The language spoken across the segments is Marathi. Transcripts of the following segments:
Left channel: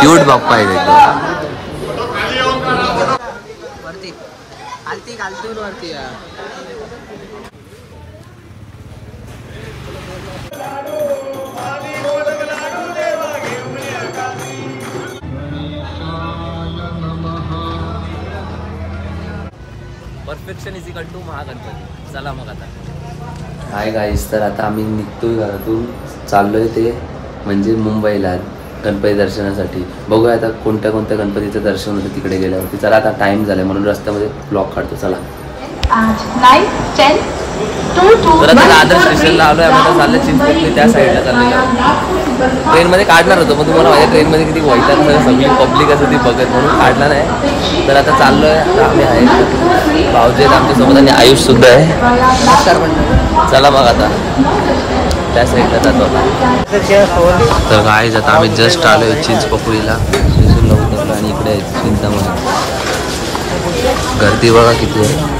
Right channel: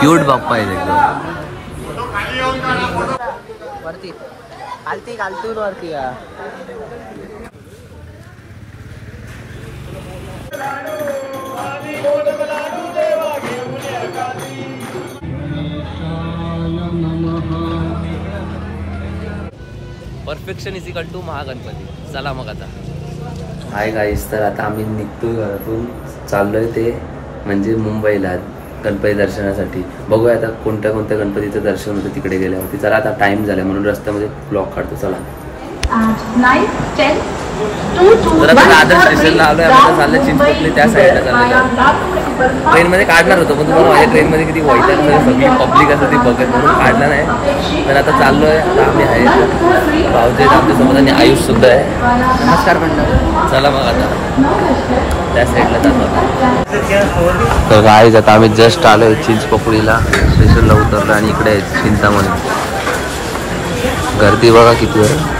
क्यूट बाप्पा आहे एकदम. वरती खालती खालतून वरती या. Perfection is equal to Mahaganpati. चला मग आता. हाय गाईस, तर आता आम्ही निघतोय घरातून, चाललोय ते म्हणजे मुंबईला गणपती दर्शनासाठी. बघूया आता कोणत्या कोणत्या गणपतीचं दर्शन होतं तिकडे गेल्यावरती. चला आता टाइम झालाय म्हणून रस्त्यामध्ये ब्लॉग काढतो. चला. तर आता दादर स्टेशनला आलोय. आम्ही चाललंय चिंचपोकली, त्या साईडला चाललेलो. ट्रेनमध्ये काढणार होतो पण तुम्हाला माझ्या ट्रेनमध्ये किती वैताग सगळी पब्लिक असं ती बघत म्हणून काढणार आहे. तर आता चाललोय. आता आम्ही आहे भाऊजी आहेत आमच्यासोबत आणि आयुष सुद्धा आहे. नमस्कार म्हणलं. चला मग आता त्या साईडला जातो. तर गाईज आता आम्ही जस्ट आलोय चिंचपोकळीला. स्टेशनला उतरलो आणि इकडे आहे चिंतामणी. गर्दी बघा किती आहे.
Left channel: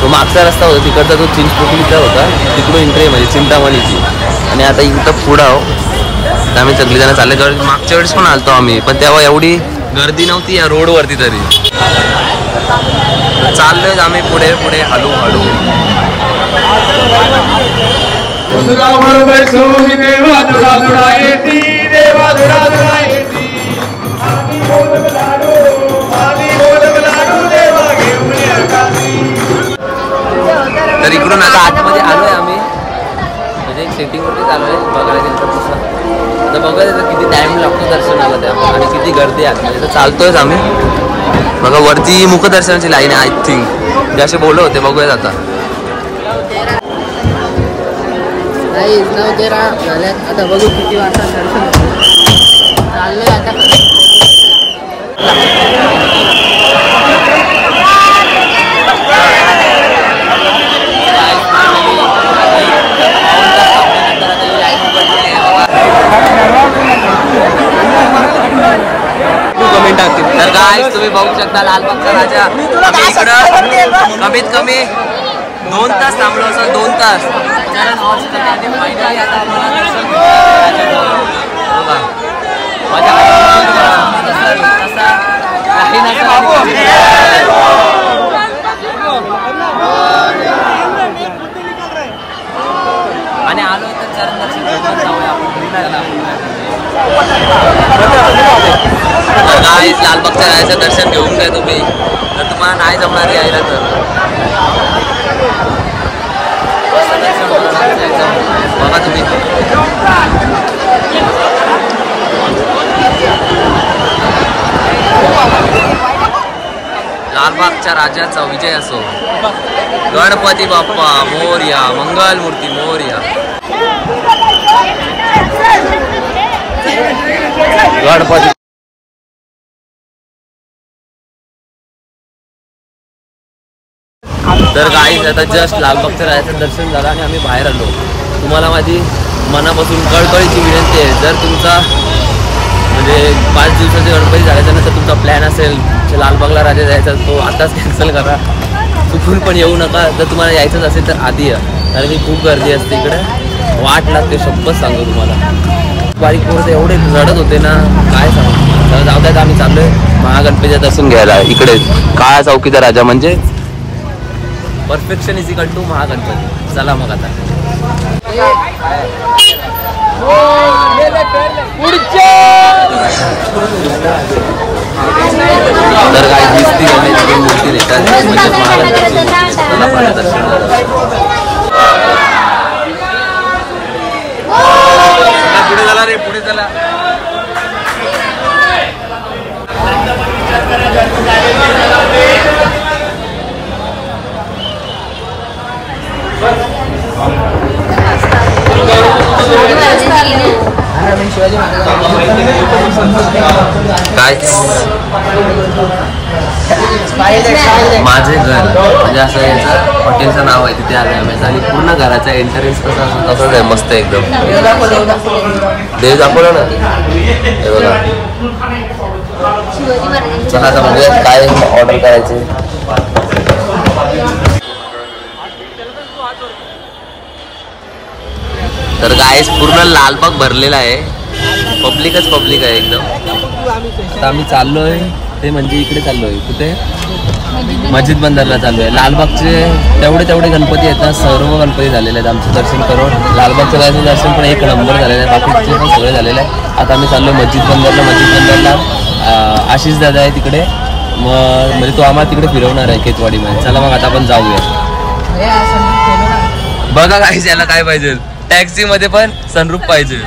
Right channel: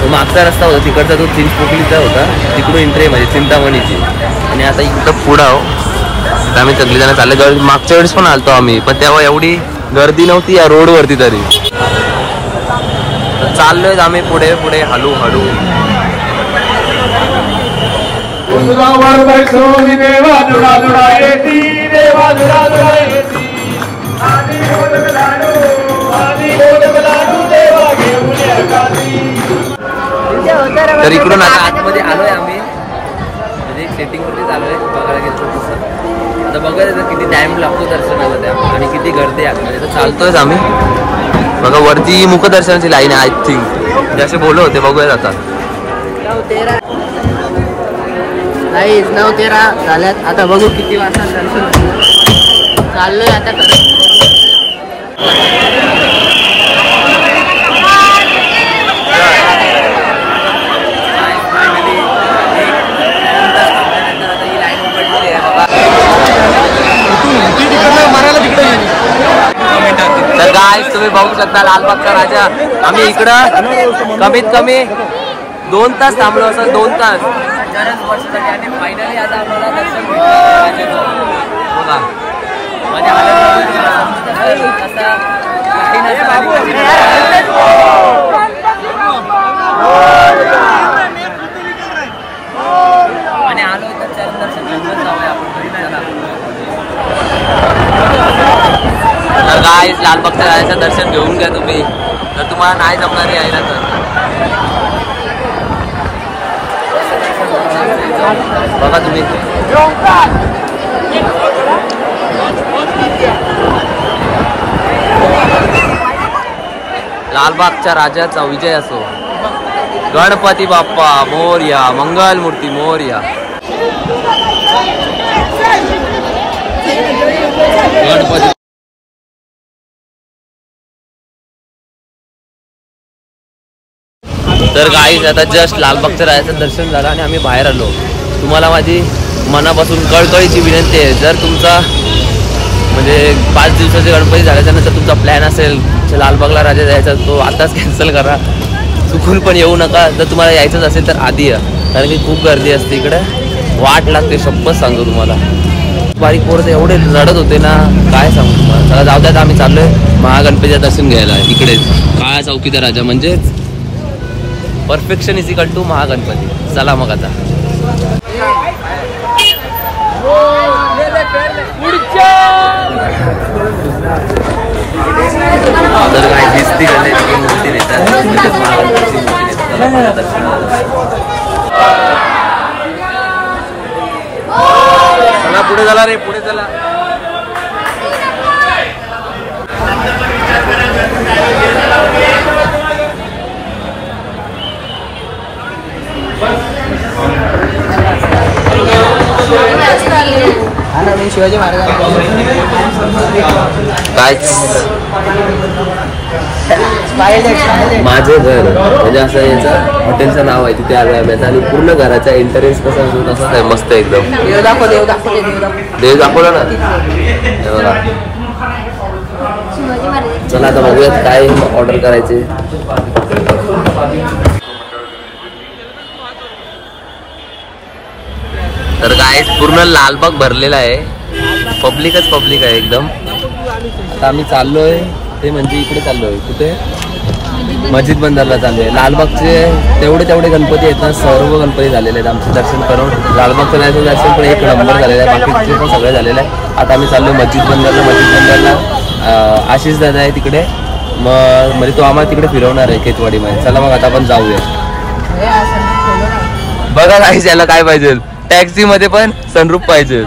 तो मागचा रस्ता होता तिकडचा, तो चिंचपोकलीचा होता. तिकडून एंट्री आहे म्हणजे चिंतामणीची. आणि आता इथं पुढं आहो. तर आम्ही सगळीजण चालले. मागच्या वेळेस पण आलतो आम्ही, पण तेव्हा एवढी गर्दी नव्हती या रोडवरती तरी. चाललोय आम्ही पुढे पुढे हळू हळू. तर इकडून आता आतमध्ये आलोय आम्ही, म्हणजे सेटिंग वरतीच आलोय. बघायला गेलं तर तसं आता बघायचं किती टाइम लागतो दर्शनाला त्या आणि किती गर्दी आहे आतमध्ये. तर चालतोयच आम्ही. बघा वरती मुखदर्शनाची लाईन आहे आय थिंक, जे असे बोलले होते. बघूयात आता. 9:13 झाल्यात. आता बघू किती वाजता दर्शन होतं. चाललोय आता खरं. तर गाईस तुम्ही बघू शकता लालबागचा राजा. आम्ही इकडं कमीत कमी 2 तास थांबलो असं. 2 तास. फायनली आता आम्हाला दर्शन बघा. आणि आलो तर चरण दर्शन घेऊन जाऊया आपण. तर गाईस लालबागच्या राजाचं दर्शन घेऊन घ्या तुम्ही, जर तुम्हाला नाही जमणार यायला तर. बघा तुम्ही. लालबागच्या राजाचा विजय असो. गणपती बाप्पा मोरया. मंगलमूर्ती मोरया. गणपती. तर गाईज आता जस्ट लालबागच्या राजाचं दर्शन झालं आणि आम्ही बाहेर आलो. तुम्हाला माझी मनापासून कळकळीची विनंती आहे, जर तुमचा म्हणजे 5 दिवसाचे गणपती झाल्याच्या नंतर तुमचा प्लॅन असेल लालबागला राजा जायचा, तो आताच कॅन्सल करा. चुकून पण येऊ नका. जर तुम्हाला यायचंच असेल तर आधी या, कारण की खूप गर्दी असते इकडे. वाट लागते शपथ सांगतो तुम्हाला. बारीक पोरं एवढे रडत होते ना, काय सांगू तुम्हाला. जाऊ द्यात आम्ही चाललोय महागणपतीचं दर्शन घ्यायला. इकडेच काळा चौकीचा राजा म्हणजेच perfection is equal to Mahaganpati. चला मग आता. तर काय दिसती गणपतीची मूर्ती देतात म्हणजेच महागणपतीची मूर्ती देतात. चला मला दर्शन पुढे झाला रे, पुढे चला. काय माझे घर म्हणजे असं याचं हॉटेलचं नाव आहे, तिथे आलोय आम्ही. आणि पूर्ण घराचा एंट्रन्स कसा असतो तसंच आहे, मस्त एकदम. देव दाखवला ना हे बघा. चला आता बघूयात काय ऑर्डर करायचे. तर गाईस पूर्ण लालबाग भरलेला आहे, पब्लिकच पब्लिक आहे एकदम. आता आम्ही चाललोय ते म्हणजे इकडे चाललोय, कुठे मस्जिद बंदरला चाललोय. लालबागचे तेवढे गणपती आहेत ना, सर्व गणपती झालेले आहेत. आमचं दर्शन करून लालबागचं जायचं दर्शन पण एक नंबर झालेलं आहे, बाकीचे पण सगळे झालेलं आहे. आता आम्ही चाललोय मस्जिद बंदरला. आशिष दादा आहे तिकडे, मग म्हणजे तो आम्हाला तिकडे फिरवणार आहे केतवाडीमध्ये. चला मग आता आपण जाऊया. बघा काही याला काय पाहिजे, टॅक्सी मध्ये पण सनरूफ पाहिजे.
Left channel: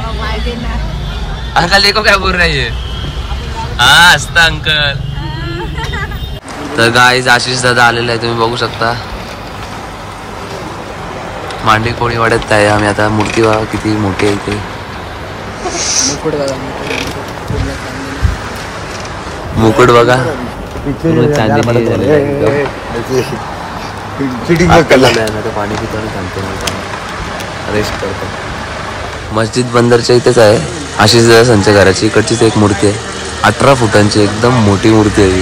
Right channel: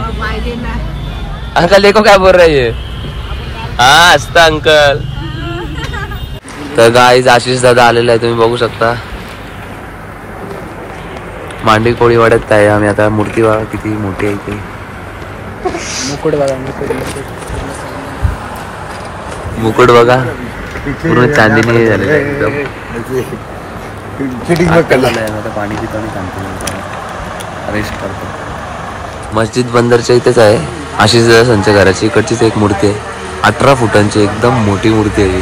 अंकल देखो काय बोल रही है. हा असता अंकल. तर गाईज आशिष दादा आलेला आहे, तुम्ही बघू शकता. मांडी कोळी वाढत आहे आम्ही आता. मूर्ती बघा किती मोठी आहे इथे. मुकुट बघा पूर्ण चांदीने झालेलं आहे एकदम. आता पाणी पितो आणि सांगतो रेस्ट करतो. मस्जिद बंदरच्या इथेच आहे आशिष दादा संच्या घराची. इकडचीच एक मूर्ती आहे, 18 फुटांची एकदम मोठी मूर्ती आहे ही.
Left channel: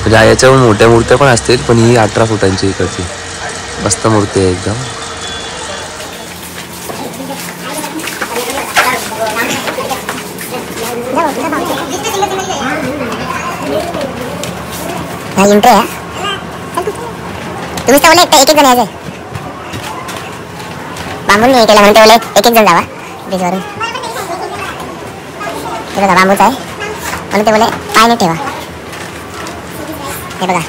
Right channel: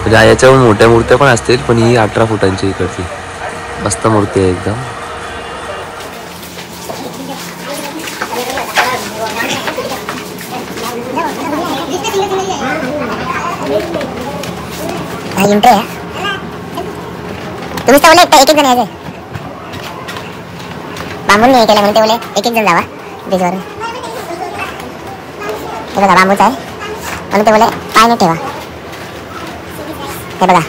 म्हणजे याच्यावर मोठ्या मूर्त्या पण असतील, पण ही 18 फुटांची इकडची मस्त मूर्ती आहे एकदम. तुम्ही तर बोलले एक जण यायचंय, बांबून नाही केलं म्हणून ते बोलले एक जण जावा ब्रिजवरून. हे बघा बांबूच आहे म्हणून ते बोलले पाय नाही ठेवा. हे बघा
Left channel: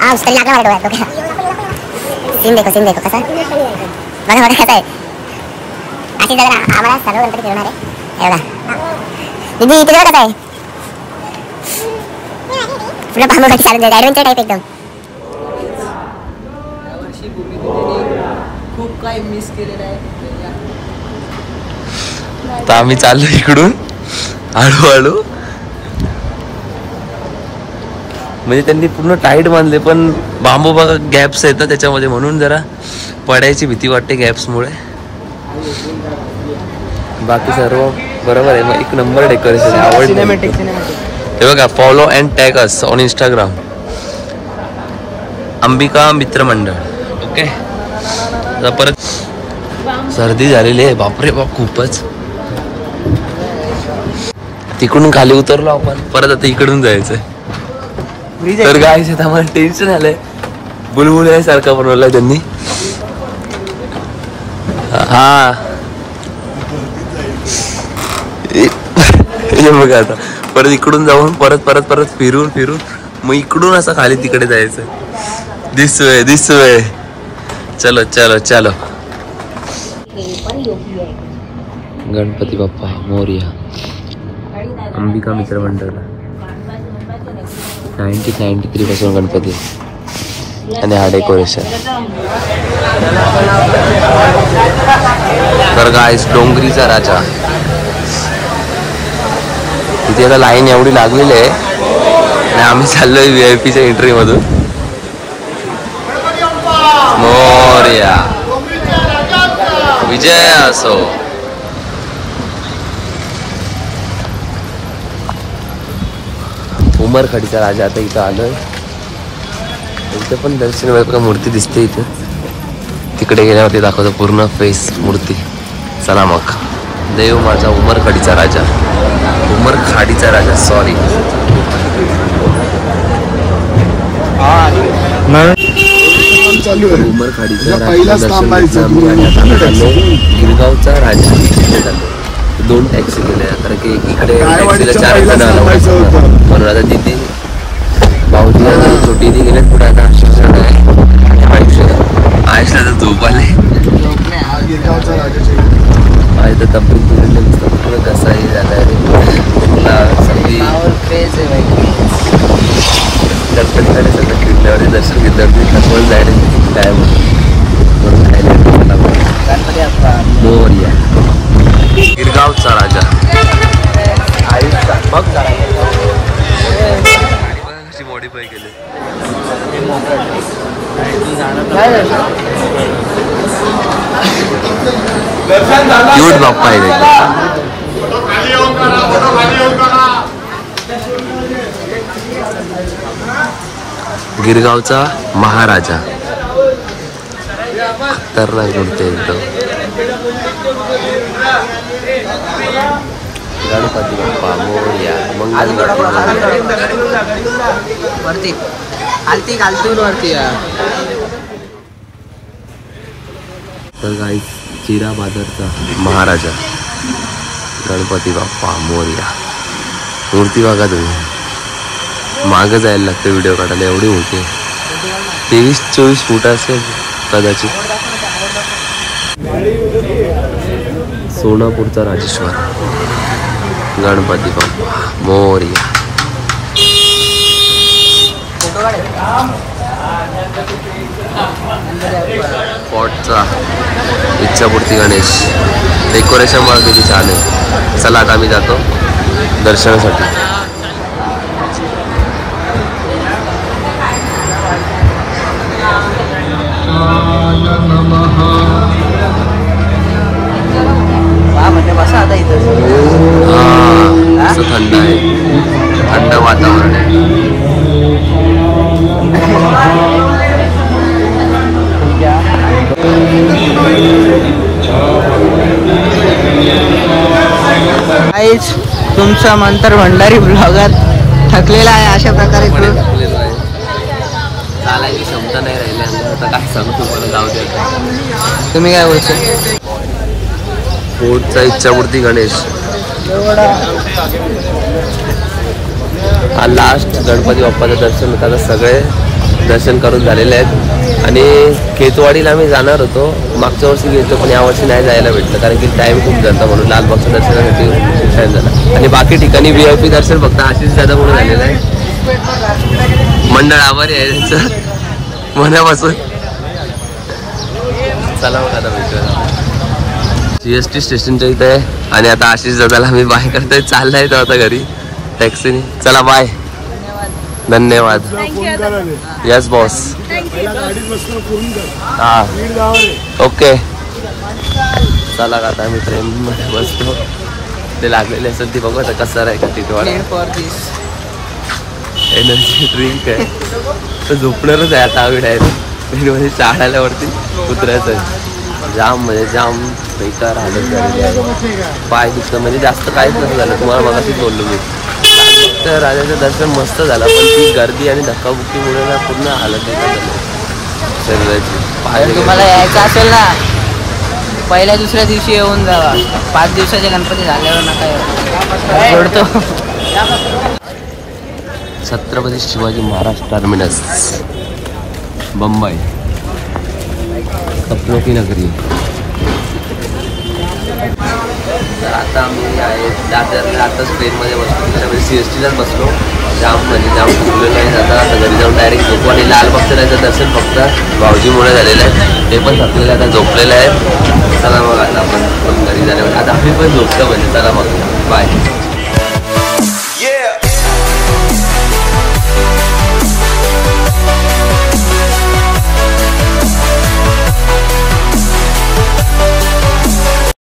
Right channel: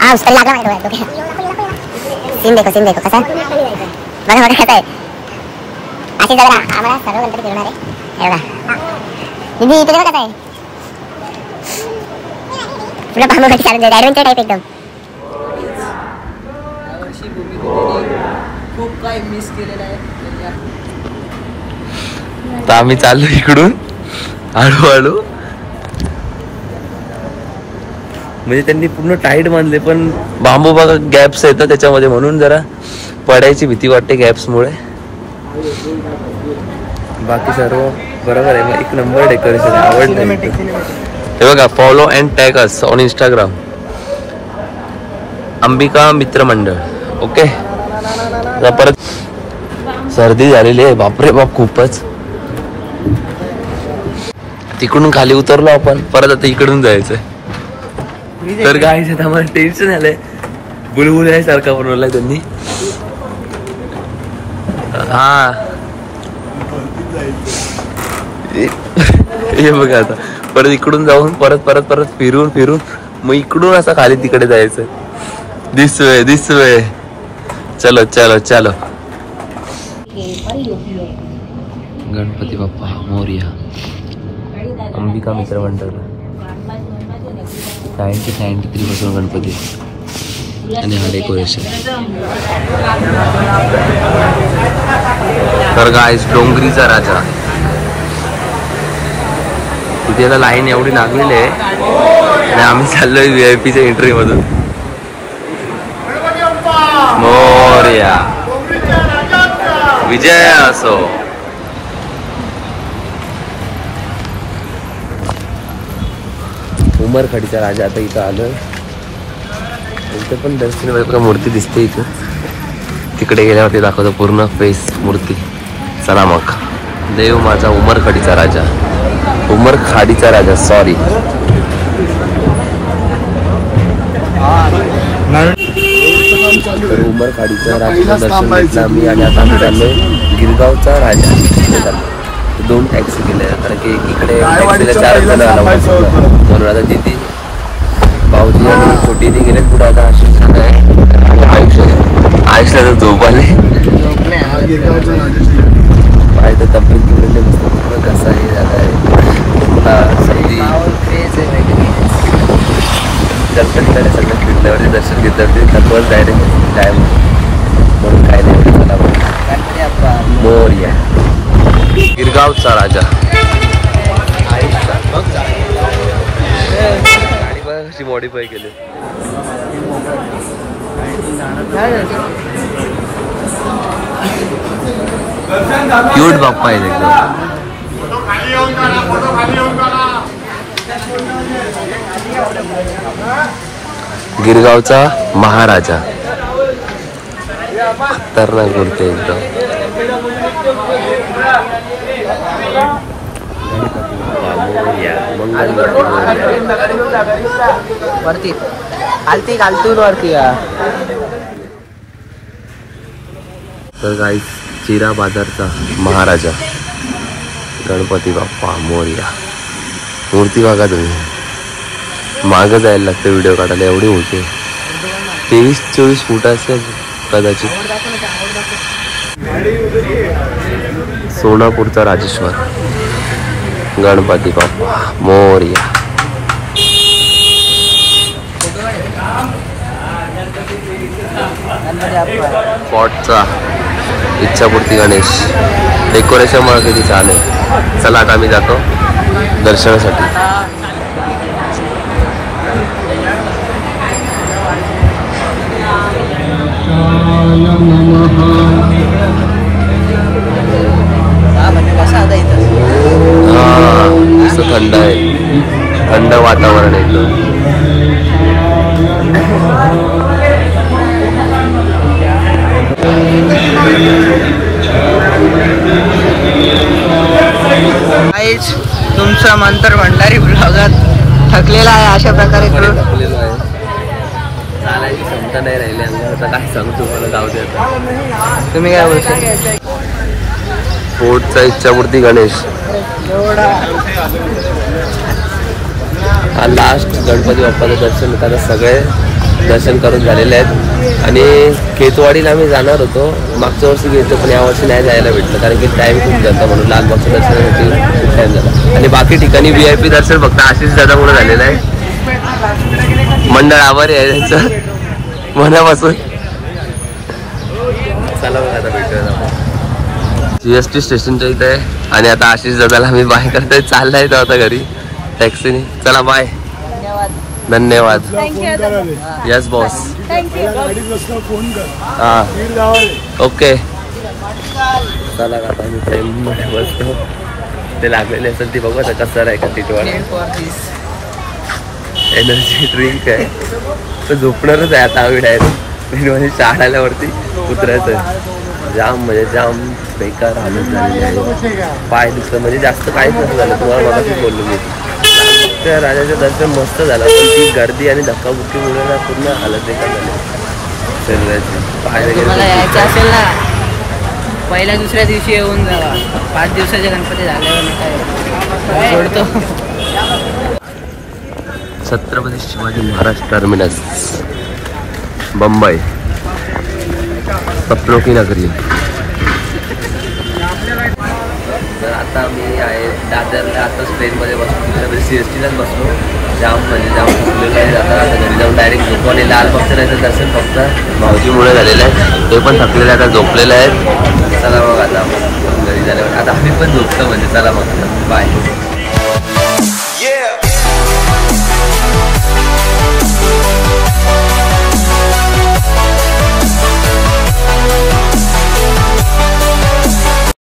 हा तरी लागला मला डोळ्यात. सीन देखो कसा बघा कसं आहे. अशी जरा आम्हाला सर्व गणपती फिरवणार आहे. हे बघा दीदी इथे कसं आहे, पुढे बांबूसाठी चालून जाईल, ॲडव्हेंचर टाईप एकदम. खूप काही मिस केलेलं आहे. तर आम्ही चाललो इकडून हळूहळू. म्हणजे त्यांनी पूर्ण टाईट बांधले, पण बांबू बघा गॅप्स येतात त्याच्यामध्ये, म्हणून जरा पडायची भीती वाटते गॅप्समुळे. बाकी सर्व बरोबर आहे. मग एक नंबर डेकोरेशन आवडलं. हे बघा follow and tag us on Instagram Ambika मित्र मंडळ. ओके परत सर्दी झालेली आहे बापरे बाप खूपच. तिकडून खाली उतरलो आपण, परत आता इकडून जायचंय. तर गाईस आता मला टेन्शन आलंय. बुलबुल सारखा बनवला त्यांनी. हा हे बघा आता परत इकडून जाऊन परत फिरून मग इकडून असं खाली तिकडे जायचं. दिस वे चलो. गणपती बाप्पा मोरया अंबिका मित्र मंडळ 1993 पासून गणपती आणि हा डेकोरेशन. तर गाईस डोंगरीचा राजा. तिथे आता लाईन एवढी लागलेली आहे आणि आम्ही चाललोय VIP च्या एंट्री मधून. मोरया विजय असो. उमरखडीचा राजा आता इथं आलोय. इथे पण दर्शन मूर्ती दिसते इथे. तिकडे गेल्यावरती दाखवतो पूर्ण फेस मूर्ती. चला मग. देव माझा उमरखडीचा राजा. उमरखाडीचा राजा सॉरी. उमरखाडीचा राजा दर्शन घेतलं आम्ही आणि आता आम्ही चाललोय गिरगावचा राजा. तिथे चाललोय. 2 टॅक्सी केल्या कारण की इकडे टॅक्सीला 4 जण म्हणून आता तिथे भाऊजी आणि छोटीने गेलेत पुढे. आता शिक्षण आहे आणि आयुष्याचा झोप आली. तर तब्येत बिघडले कसं आहे झालं सर्दी. गणपतीकडे सगळं फिरल्यावरती दर्शन घेतल्यावरती थकवत डायरेक्ट टाइम होतो म्हणून काय नाही. मोरया गिरगावचा राजा. गाडी बघा कशी मॉडिफाय केली. क्यूट बाप्पा आहे एकदम. गिरगावचा महाराजा. खतरनाक मूर्ती एकदम. गणपती बाप्पा मोरया. मंगलमूर्ती वरती खालती खालतून वरती. तर काही चिरा बाजारचा महाराजा गणपती बाप्पा मोरया. मूर्ती बघा तुम्ही. मागं जायला लागतं व्हिडिओ काढायला, एवढी मोठी आहे. 23-24 फूट असेल कदाचित. सोनापूरचा राजेश्वर गणपती बाप्पा मोरया. पॉटचा इच्छापूर्ती गणेश. डेकोरेशन मला किती छान आहे. चला आता आम्ही जातो दर्शनासाठी. हा असं थंड आहे, थंड वातावरण एकदम. काहीच तुमचा मंतर भंडारी ब्लॉगात थकलेला आहे. अशा प्रकारे थकलेलो आहे. चालायची क्षमता नाही राहिली अंगात. आता काय सांगू तुम्हाला, जाऊ द्या. तुम्ही काय बोलतो? फोर्टचा इच्छापूर्ती गणेश हा लास्ट गणपती बाप्पाचं दर्शन होतं. आता सगळे दर्शन करून झालेले आहेत आणि खेतवाडीला आम्ही जाणार होतो. मागच्या वर्षी गेलो पण यावर्षी नाही जायला भेटलं कारण की टाइम खूप जाता म्हणून. लालबागच्या दर्शनासाठी खूप टाइम झाला आणि बाकी ठिकाणी VIP दर्शन फक्त आशिष दादामुळे झालेलं आहे. मंडळ आभारी आहे त्यांचं मनापासून. चला मग आता भेटूया आपण. GST स्टेशनच्या इथे आहे आणि आता आशिष दादाला आम्ही बाय करतोय. चाललाय तो आता घरी टॅक्सीने. चला बाय. धन्यवाद. Yes boss. हा ओके. चला आता आम्ही ट्रेनमध्ये बसतो. ते लागलेले असेल ती बघू आता कसं आहे का तिथवर. एनर्जी ड्रिंक आहे तर झोपणारच आहे आता आम्ही डायरेक्ट. ट्रेनमध्ये चाळाल्यावरती उतरायचं आहे. जाम म्हणजे जाम बेकार हालत झालेली आहे. पाय दुखतं म्हणजे जास्त काहीच नसं झालं. तुम्हाला मगाशीच बोललो मी. लालबागच्या राजाचं दर्शन मस्त झालं पण ती गर्दी आणि धक्काबुक्कीमुळे ना पूर्ण हालत बेकार झाली शरीराची. पाय वगैरे असेल ना पहिल्या दुसऱ्या दिवशी येऊन जावा. 5 दिवसाचे गणपती झाल्यावर नका जोडतो. छत्रपती शिवाजी महाराज टर्मिनस मुंबई सपनों की नगरी. तर आता आम्ही आहे दादरला. आताच ट्रेनमध्ये बसलो. त्याच्यामध्ये CSTलाच बसलो. जाम म्हणजे जाम थकलेलं आहे. आता घरी जाऊन डायरेक्ट झोपू आणि लालबागचं राहायचं दर्शन फक्त भाऊजीमुळे झालेलं आहे. ते पण थकलेलं आहे, आता झोपलेलं आहे. चला मग आता आपण घरी झाल्यावर आता आम्ही पण झोपतो म्हणजे. चला मग बाय.